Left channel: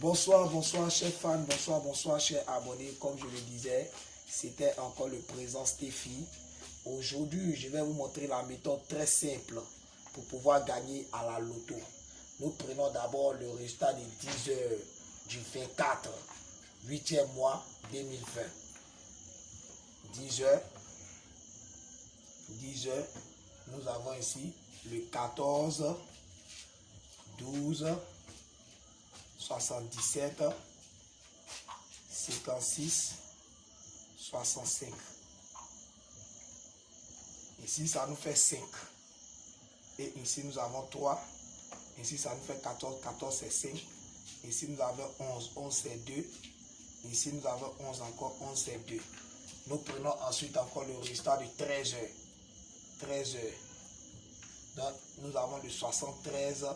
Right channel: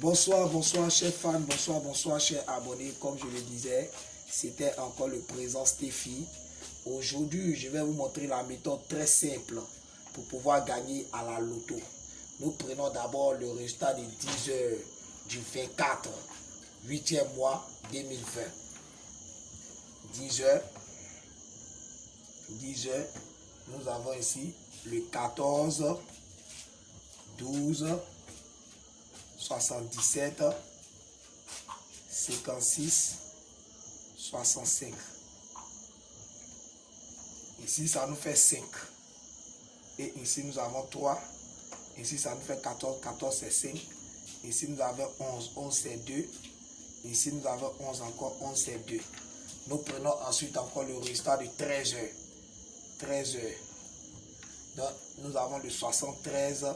Bonsoir, bonsoir chers fans, bonsoir, bonsoir chers abonnés. Comme je le disais, c'était encore le présent Stéphie. Aujourd'hui, je vais vous montrer la méthode très simple pour pouvoir gagner à la loto. Nous prenons d'abord le résultat des 10 heures du 24, 8e mois 2020. 10 heures, nous avons ici le 14, 12, 77, 56, 65. Ici, ça nous fait 5. Et ici, nous avons 3. Ici, ça nous fait 14. 14, c'est 5. Ici, nous avons 11. 11, c'est 2. Ici, nous avons 11 encore. 11, c'est 2. Nous prenons ensuite encore le résultat de 13 heures. 13 heures. Donc, nous avons le 73,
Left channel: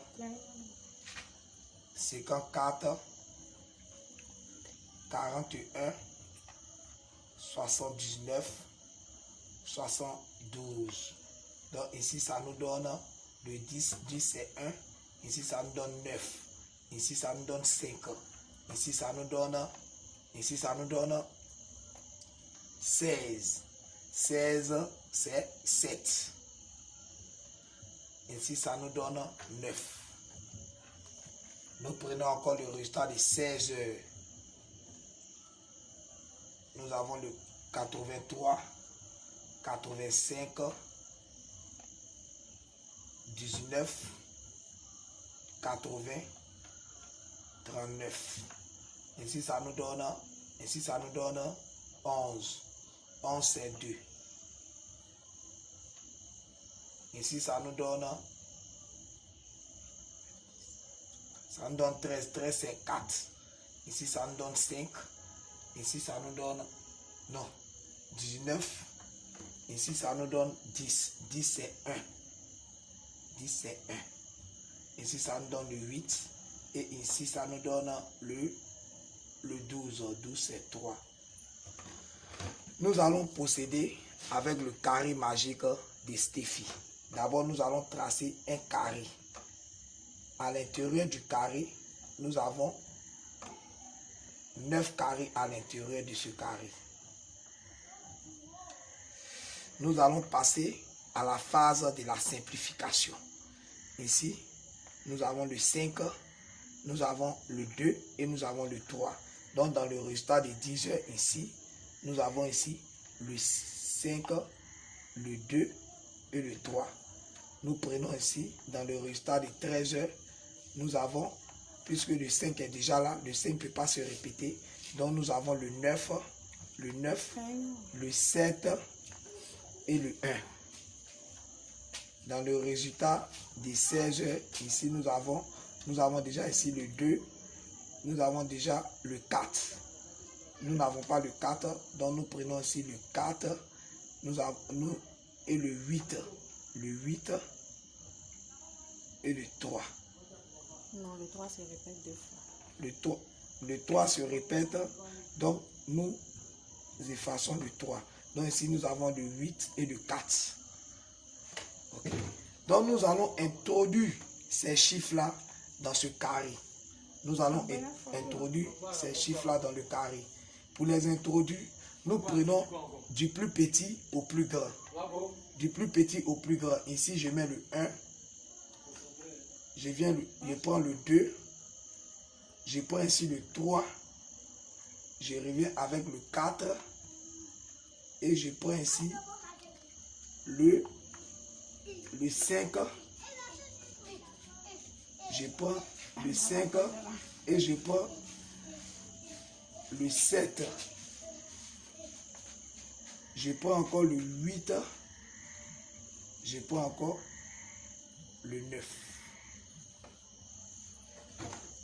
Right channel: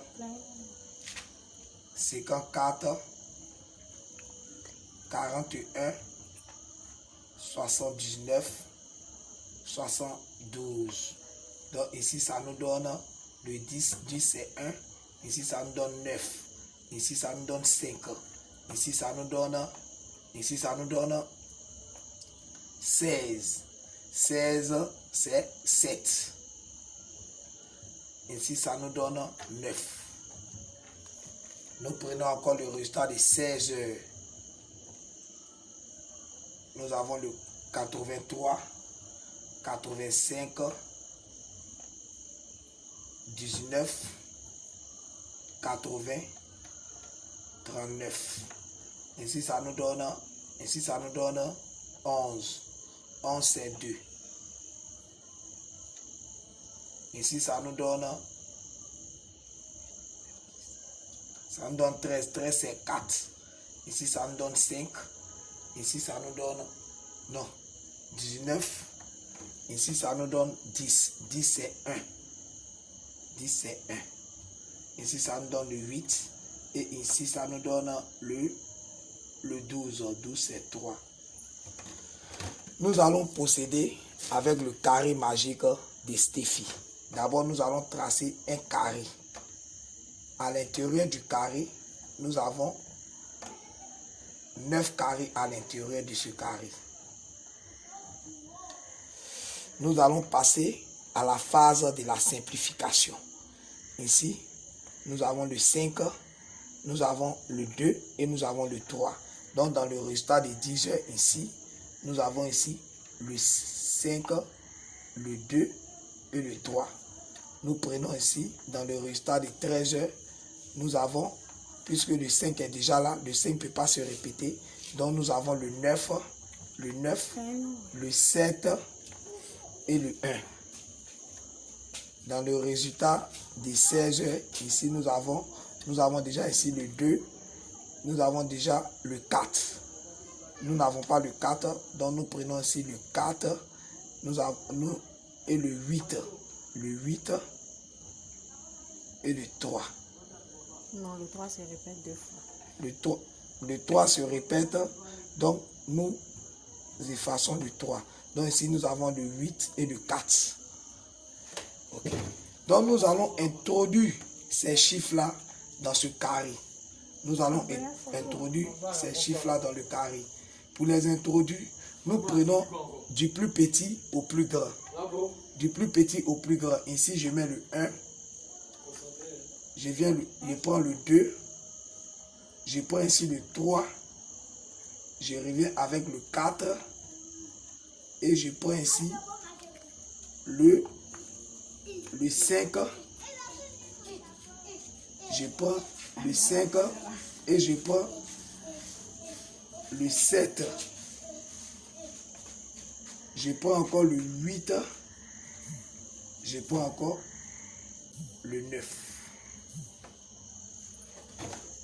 54, 41, 79, 72. Donc ici ça nous donne le 10, 10 c'est 1, ici ça nous donne 9, ici ça nous donne 5, ici ça nous donne 16, 16 c'est 7, ici ça nous donne 9. Nous prenons encore le résultat de 16 heures. Nous avons le 83, 85, 19, 80, 39. Ici ça nous donne 11. 11 c'est 2. Ici ça nous donne 13. 13 c'est 4. Ici ça nous donne 5. Ici ça nous donne 19. Ici ça nous donne 10. 10 c'est 1. 10 c'est 1. Ici ça nous donne le 8. Et ici ça nous donne le 12. 12 c'est 3. Nous allons procéder avec le carré magique de Stéphie. D'abord nous allons tracer un carré. À l'intérieur du carré, nous avons 9 carrés à l'intérieur de ce carré. Nous allons passer à la phase de la simplification. Ici, nous avons le 5, nous avons le 2 et nous avons le 3. Donc, dans le résultat des 10 heures ici, nous avons ici le 5, le 2 et le 3. Nous prenons ici, dans le résultat des 13 heures, nous avons, puisque le 5 est déjà là, le 5 ne peut pas se répéter. Donc nous avons le 9, le 7 et le 1. Dans le résultat des 16 heures, ici nous avons déjà ici le 2, nous avons déjà le 4. Nous n'avons pas le 4, donc nous prenons ici le 4, et le 8. Le 8 et le 3. Non, le 3 se répète 2 fois. Le 3 se répète, donc nous effaçons le 3. Donc ici nous avons le 8 et le 4. Okay. Donc nous allons introduire ces chiffres-là dans ce carré. Nous allons introduire ces chiffres-là dans le carré. Pour les introduire, nous prenons du plus petit au plus grand. Du plus petit au plus grand. Ici je mets le 1. Je prends le 2, je prends ici le 3, je reviens avec le 4 et je prends ici le 5, je prends le 5 et je prends le 7, je prends encore le 8, je prends encore le 9.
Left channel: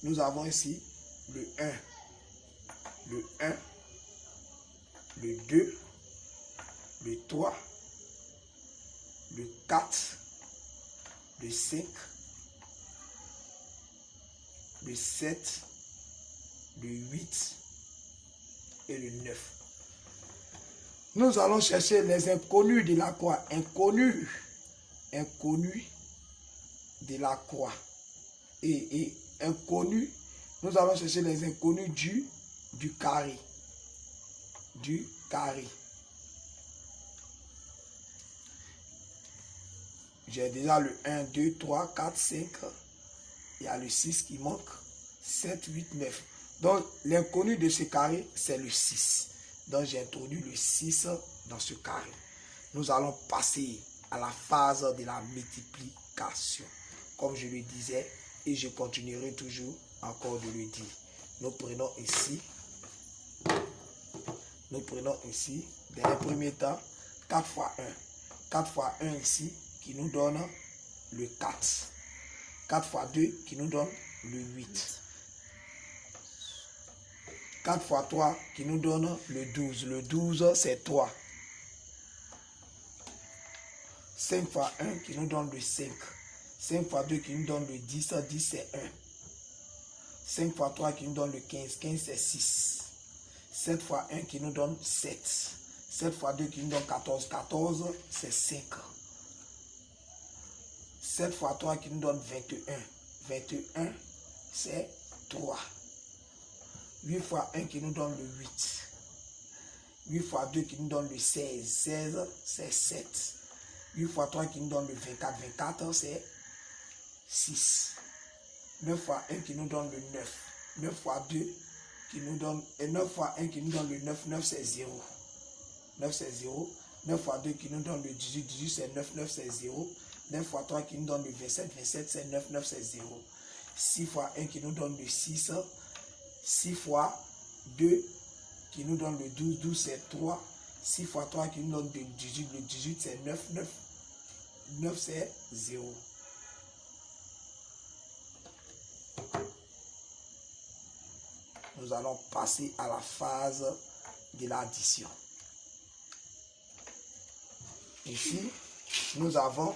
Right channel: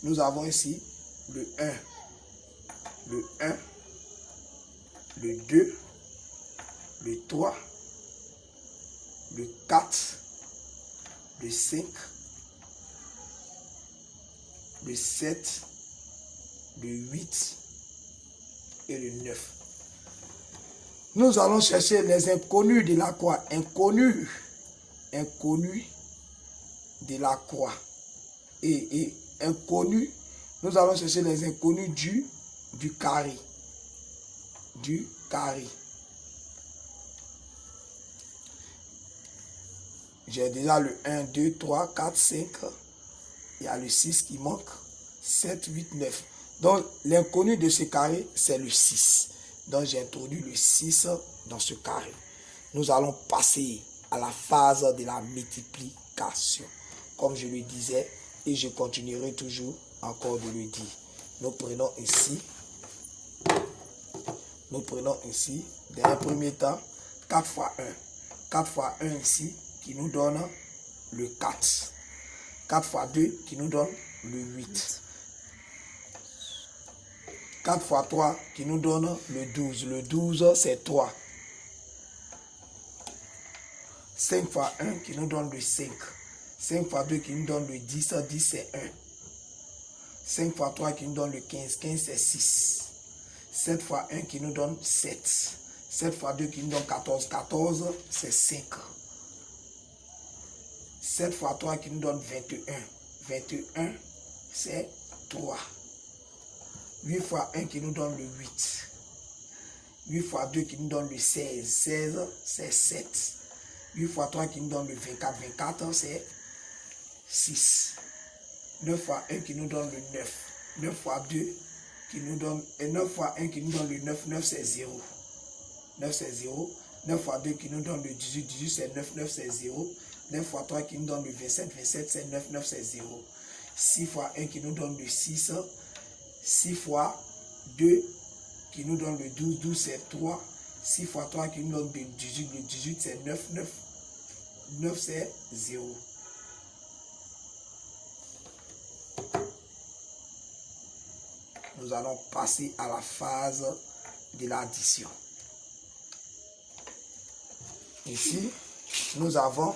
Nous avons ici le 1, le 2, le 3, le 4, le 5, le 7, le 8 et le 9. Nous allons chercher les inconnus de la croix. Inconnus de la croix. Et inconnu Nous allons chercher les inconnus du carré. Du carré. J'ai déjà le 1, 2, 3, 4, 5. Il y a le 6 qui manque. 7, 8, 9. Donc, l'inconnu de ce carré, c'est le 6. Donc, j'ai introduit le 6 dans ce carré. Nous allons passer à la phase de la multiplication. Comme je le disais, et je continuerai toujours encore de le dire. Nous prenons ici, dans un premier temps, 4 fois 1. 4 fois 1 ici, qui nous donne le 4. 4 fois 2, qui nous donne le 8. 4 fois 3, qui nous donne le 12. Le 12, c'est 3. 5 fois 1, qui nous donne le 5. 5 fois 2, qui nous donne le 10. 10, c'est 1. 5 fois 3, qui nous donne le 15. 15, c'est 6. 7 fois 1, qui nous donne 7. 7 fois 2, qui nous donne 14. 14, c'est 5. 7 fois 3, qui nous donne 21. 21, c'est 3. 8 fois 1 qui nous donne le 8. 8 fois 2 qui nous donne le 16. 16, c'est 7. 8 fois 3 qui nous donne le 24. 24, c'est 6. 9 fois 1 qui nous donne le 9. 9 fois 2 qui nous donne... Et 9 fois 1 qui nous donne le 9. 9, c'est 0. 9, c'est 0. 9 fois 2 qui nous donne le 18. 18, c'est 9. 9, c'est 0. 9 fois 3 qui nous donne le 27. 27, c'est 9. 9, c'est 0. 6 fois 1 qui nous donne le 6. 6 fois 2 qui nous donne le 12, 12 c'est 3. 6 fois 3 qui nous donne le 18, le 18 c'est 9, 9. 9 c'est 0. Nous allons passer à la phase de l'addition. Ici, nous avons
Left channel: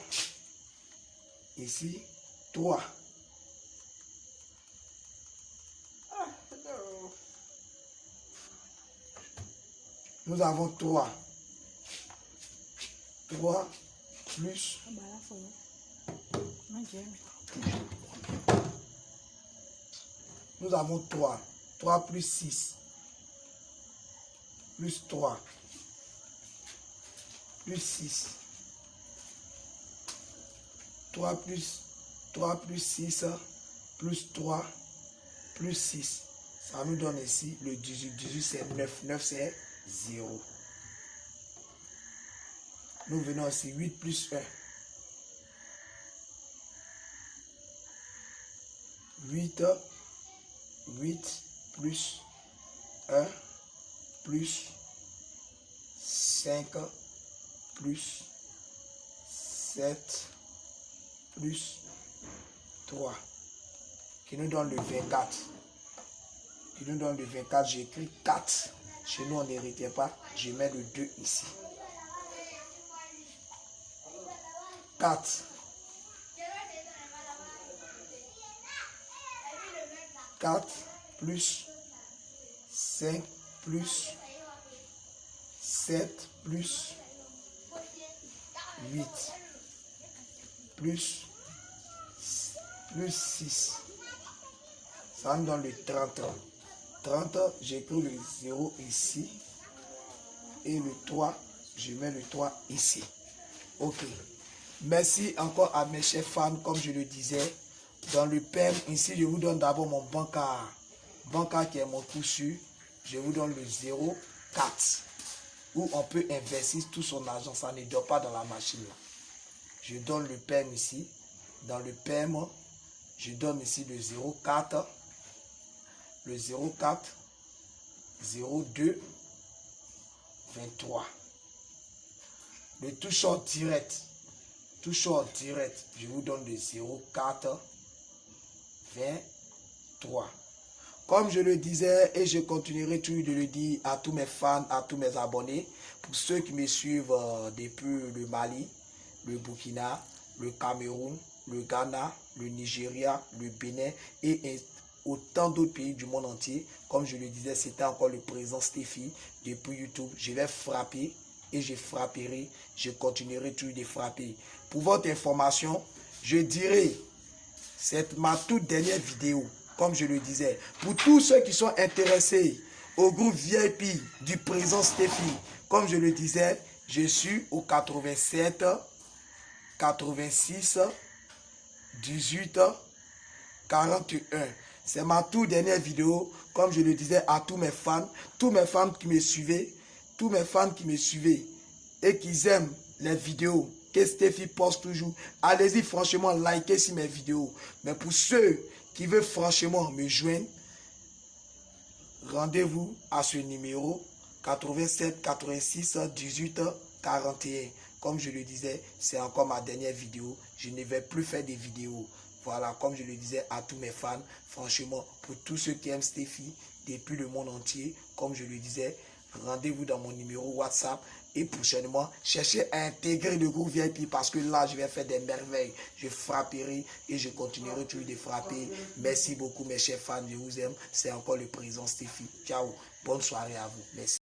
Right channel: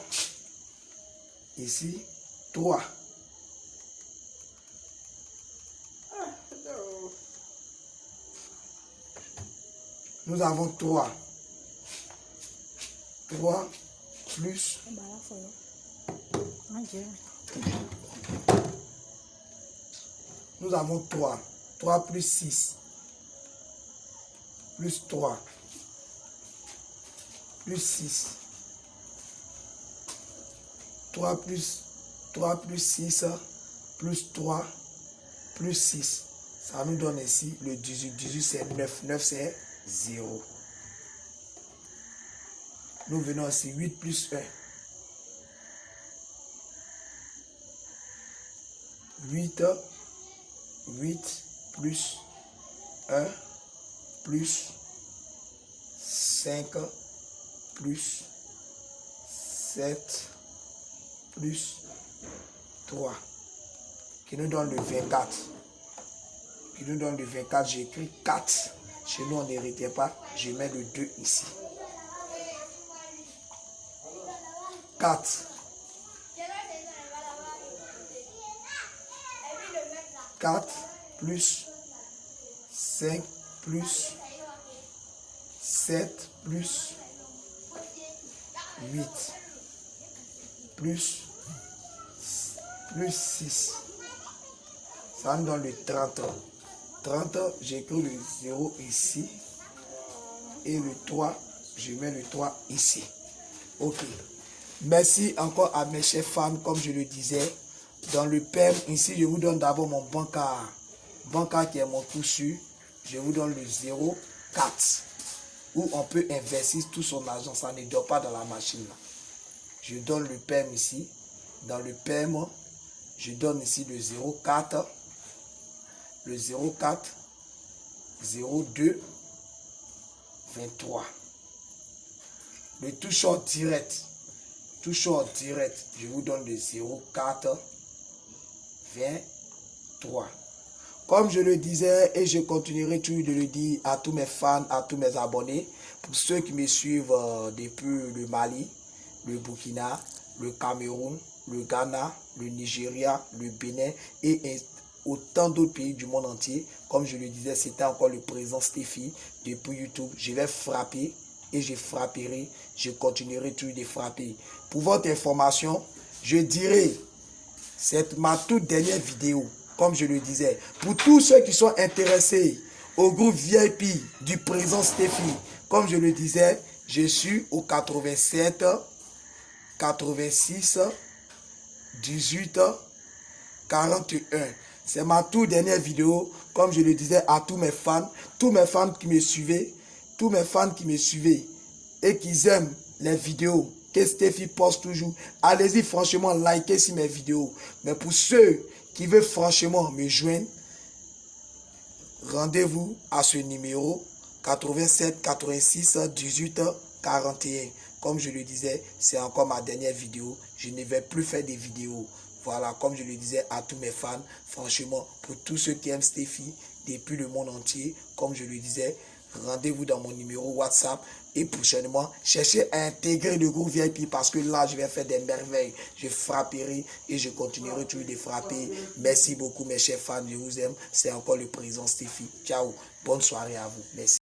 ici 3. Nous avons 3. 3 plus. Nous avons 3. 3 plus 6. Plus 3. Plus 6. 3 plus 6. Plus 3. Plus 6. Ça nous donne ici le 18. 18 c'est 9. 9 c'est 0. Nous venons ici 8 plus 1. 8 plus 1 plus 5 plus 7 plus 3 qui nous donne le 24. Qui nous donne le 24, j'ai écrit 4. Chez nous, on ne retient pas. Je mets le 2 ici. 4. 4 plus 5 plus 7 plus 8 plus 6. Ça nous donne le 30. 30, j'écris le 0 ici. Et le 3, je mets le 3 ici. Ok. Merci encore à mes chers fans, comme je le disais. Dans le PEM, ici, je vous donne d'abord mon bancard. Bancard qui est mon coup sûr. Je vous donne le 0,4. Où on peut investir tout son argent. Ça ne dort pas dans la machine. Là. Je donne le PEM ici. Dans le PEM, je donne ici le 0,4. Le 0,4. 0,2. 23. Le tout short direct. Tout short direct. Je vous donne le 0,4. 23. Comme je le disais et je continuerai toujours de le dire à tous mes fans, à tous mes abonnés, pour ceux qui me suivent depuis le Mali, le Burkina, le Cameroun, le Ghana, le Nigeria, le Bénin et autant d'autres pays du monde entier. Comme je le disais, c'était encore le président Stéphie depuis YouTube. Je vais frapper et je frapperai. Je continuerai toujours de frapper. Pour votre information, je dirai, c'est ma toute dernière vidéo. comme je le disais. Pour tous ceux qui sont intéressés au groupe VIP du président Stephy, comme je le disais, je suis au 87 86 18 41. C'est ma toute dernière vidéo, comme je le disais à tous mes fans qui me suivaient, tous mes fans qui me suivaient et qui aiment les vidéos que Stephy poste toujours. Allez-y franchement, likez sur mes vidéos. Mais pour ceux qui veulent franchement me joindre, rendez-vous à ce numéro 87 86 18 41. Comme je le disais, c'est encore ma dernière vidéo. Je ne vais plus faire des vidéos. Voilà, comme je le disais à tous mes fans, franchement, pour tous ceux qui aiment Stephy depuis le monde entier, comme je le disais, rendez-vous dans mon numéro WhatsApp et prochainement, cherchez à intégrer le groupe VIP parce que là, je vais faire des merveilles. Je frapperai et je continuerai toujours de frapper. Merci beaucoup mes chers fans, je vous aime. C'est encore le président Stephy. Ciao, bonne soirée à vous. Merci.